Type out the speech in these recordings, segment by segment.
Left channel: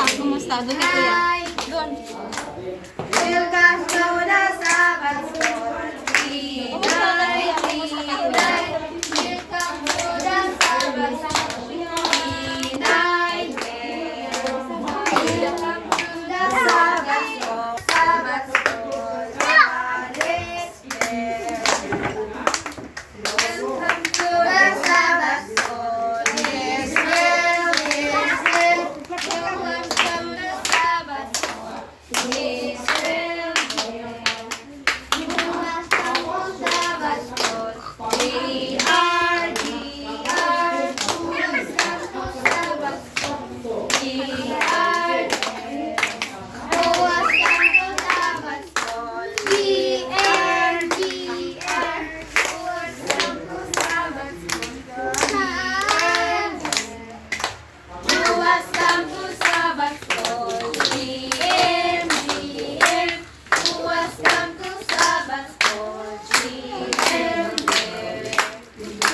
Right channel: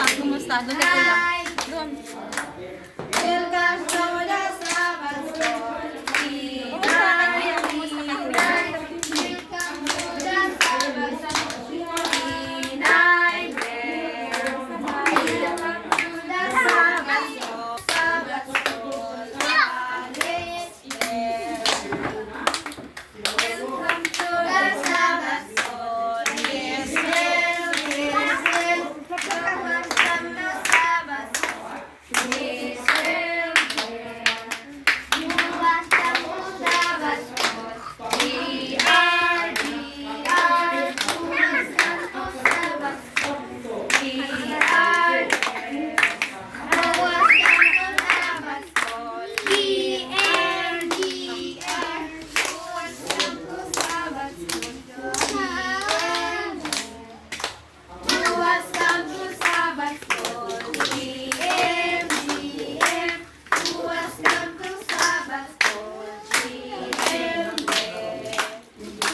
Kumusta? Doon na kuya. Doon. Welcome to the Sabbath School. Kumusta ka kuya? Kumusta ka kuya? Welcome to the Sabbath School. Welcome to the Sabbath School. Sabbath School. God is there. Welcome to the Sabbath School. Yes, well, yes, well. Welcome to the Sabbath School. Yes, well, yes. Welcome to Sabbath School. We are. Welcome to Sabbath School. We are. Welcome to Sabbath School. E-R-D-R. Welcome to Sabbath School. Welcome to Sabbath School. E-M-G-M. Welcome to Sabbath School. G-M-M.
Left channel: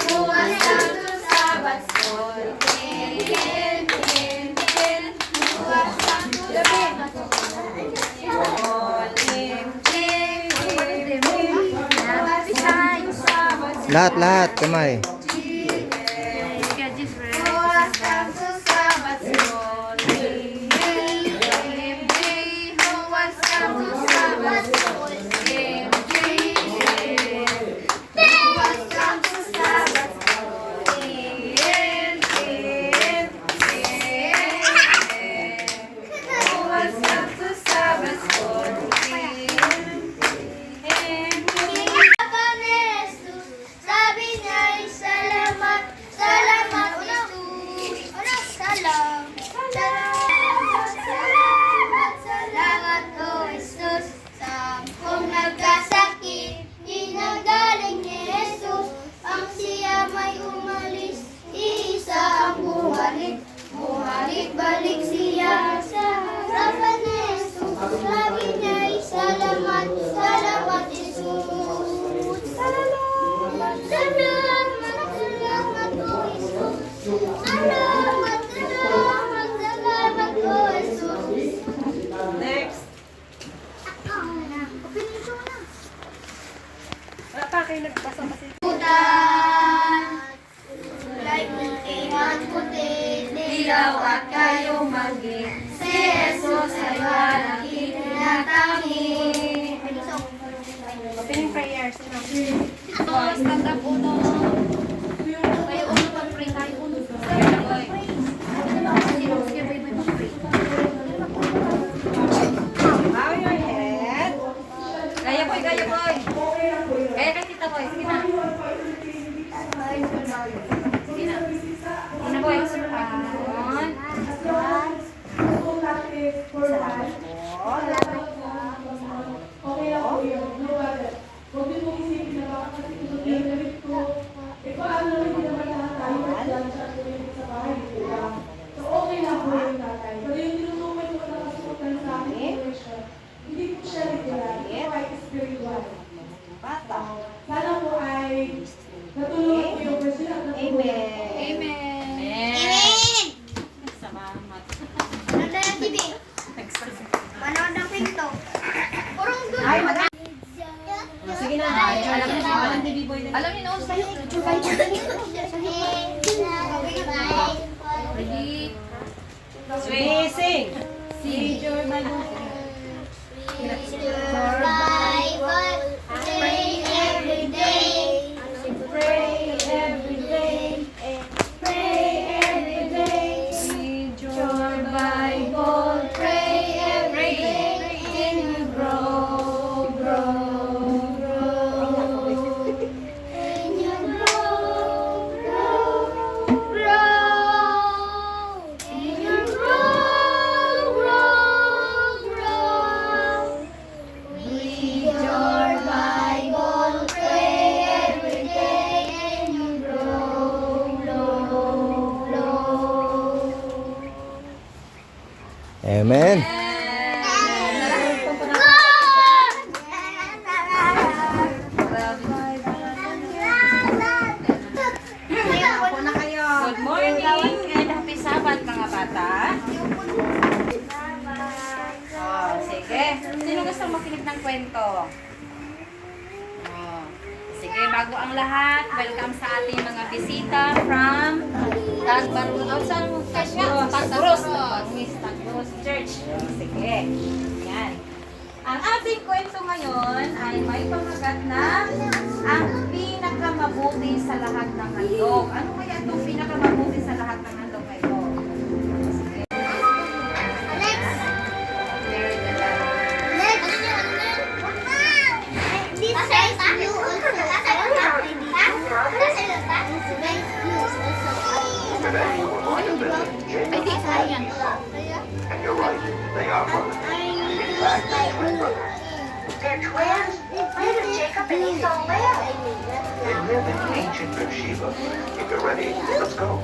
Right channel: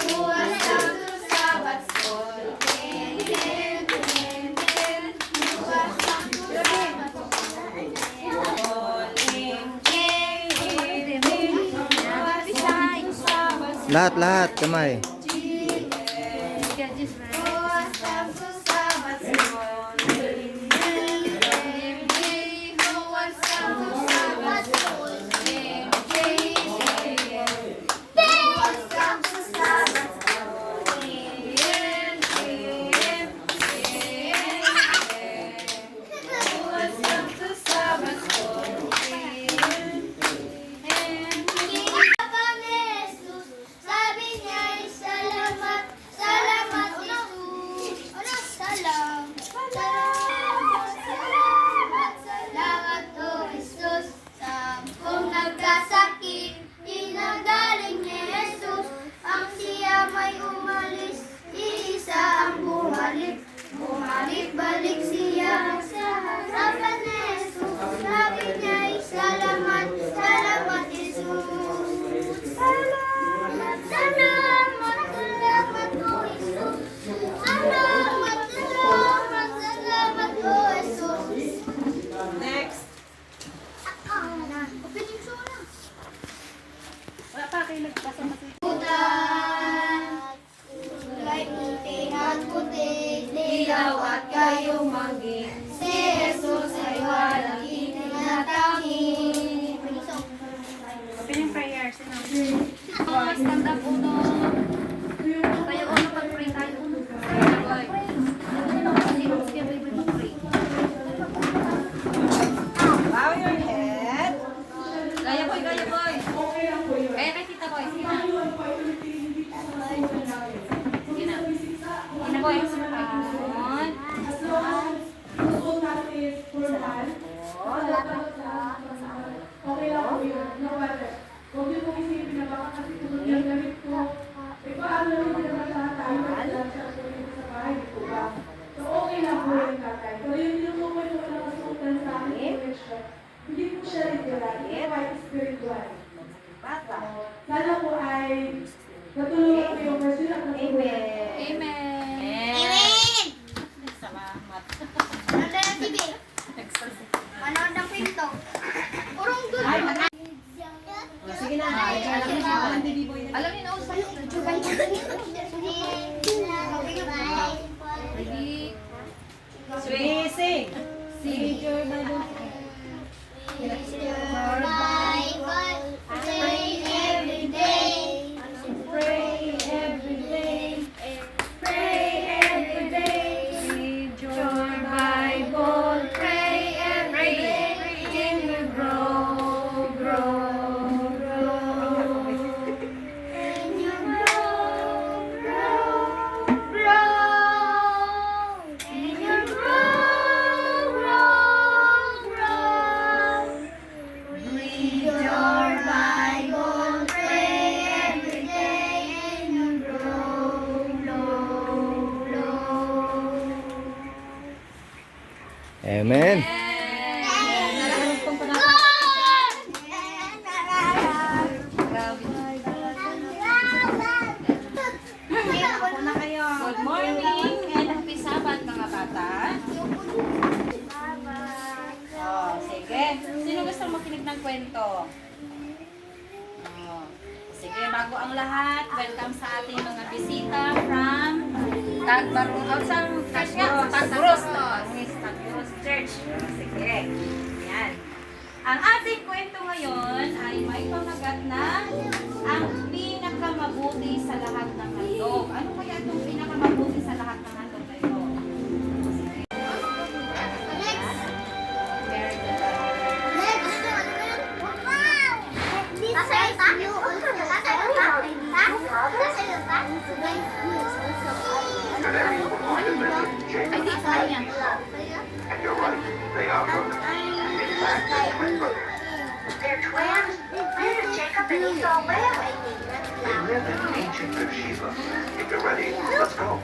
Welcome to Sabbath School. N-N-N-N. Welcome to Sabbath School. Lahat, kamay. Welcome to Sabbath School. M-J. Welcome to Sabbath School. M-J. Welcome to Sabbath School. N-N-N-N. Welcome to Sabbath School. Sabi niya ay salamat, salamat Jesus. Salamat, salamat o Jesus. Sampung nagkasakit, pinagaling ni Jesus. Ang siya may umalis, isa ang bumalik. Bumalik-balik siya sa harapan ni Jesus. Sabi niya ay salamat, salamat Jesus. Salamat, salamat, salamat o Jesus. Salamat, salamat, salamat o Jesus. Next. Wala pa kayo nagbasa kasi. Kulay puti at puti, dilaw at kayong maging. Si Jesus ay walang hinatangi. Open yung prayer. Sino? Stand up uno. Tayo uno pag-pray. Tayo uno. Pag-pray. Bow your head. Gaya boy, gaya boy. Gaya kay tita boy. Sige na. Sige na. Sige na boy. Salamat po. Okay lang po yun. No matter. Huwag niyo pong isipin na baka kasi kung gagawin ko, paano rin naman lahat tayo nagdaan sa akin sa bahay, di po ba? So okay lang po yun tatay. Pero yung tinutukoy ko na kasuotan sa akin connection, hindi po siya literal, ito ay spiritual. Sana po ay natulungan ko yung version at natulungan. Amen. Salamat. Nanda ng TV. Manood ng pinto. Purong doon. Ay, sige na. Alam niyo na sa'yo. Ready? Sing. Si Joy Bible. Pray every day. Pray every day. Pray every day. Read Your Bible. Pray every day. And you grow, grow, grow. And you grow, grow, grow. And you grow, grow, grow. Read your Bible. Pray every day. And you grow, grow, grow. Amen. Good morning and happy Sabbath mga bata. gustong makinig ng kwento? Oh. Sige, bago ang lahat, welcome sa ating mga bisita from Tagbarong. Tagbarong Church. Sige. Yan. Ang ating kwento ngayon ay may pamagat na ang pinakamabuti sa lahat ng handog. Ano kaya itong pinakamabuti sa lahat ng handog na ito? Sige. Very good. This says you also. Today, we're going to visit Jacob and you're right, they are brothers. In fact, they're twin brothers. They're twins? Where did Jacob and Esau live? They live in ancient Beersheba. If you're ready, let's go.